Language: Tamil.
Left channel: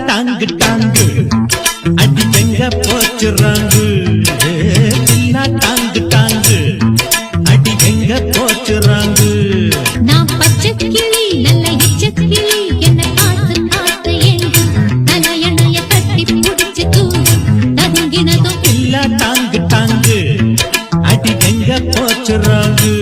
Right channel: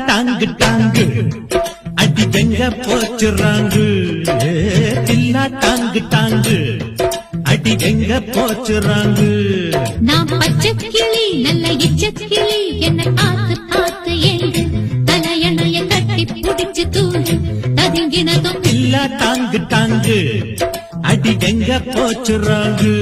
டாங்கு டாங்கு அடி எங்க போச்சுறாங்கு தில்லா டாங்கு டாங்கு அடி எங்க போச்சுறாங்கு நான் பச்சை கிளி நல்ல இச்ச கிளி என்ன பார்த்து பார்த்து எங்கு தலையணைய கட்டி புடிச்சு தூங்கு ததுங்கினதும் தில்லா டாங்கு டாங்கு அடி எங்க போச்சுறாங்கு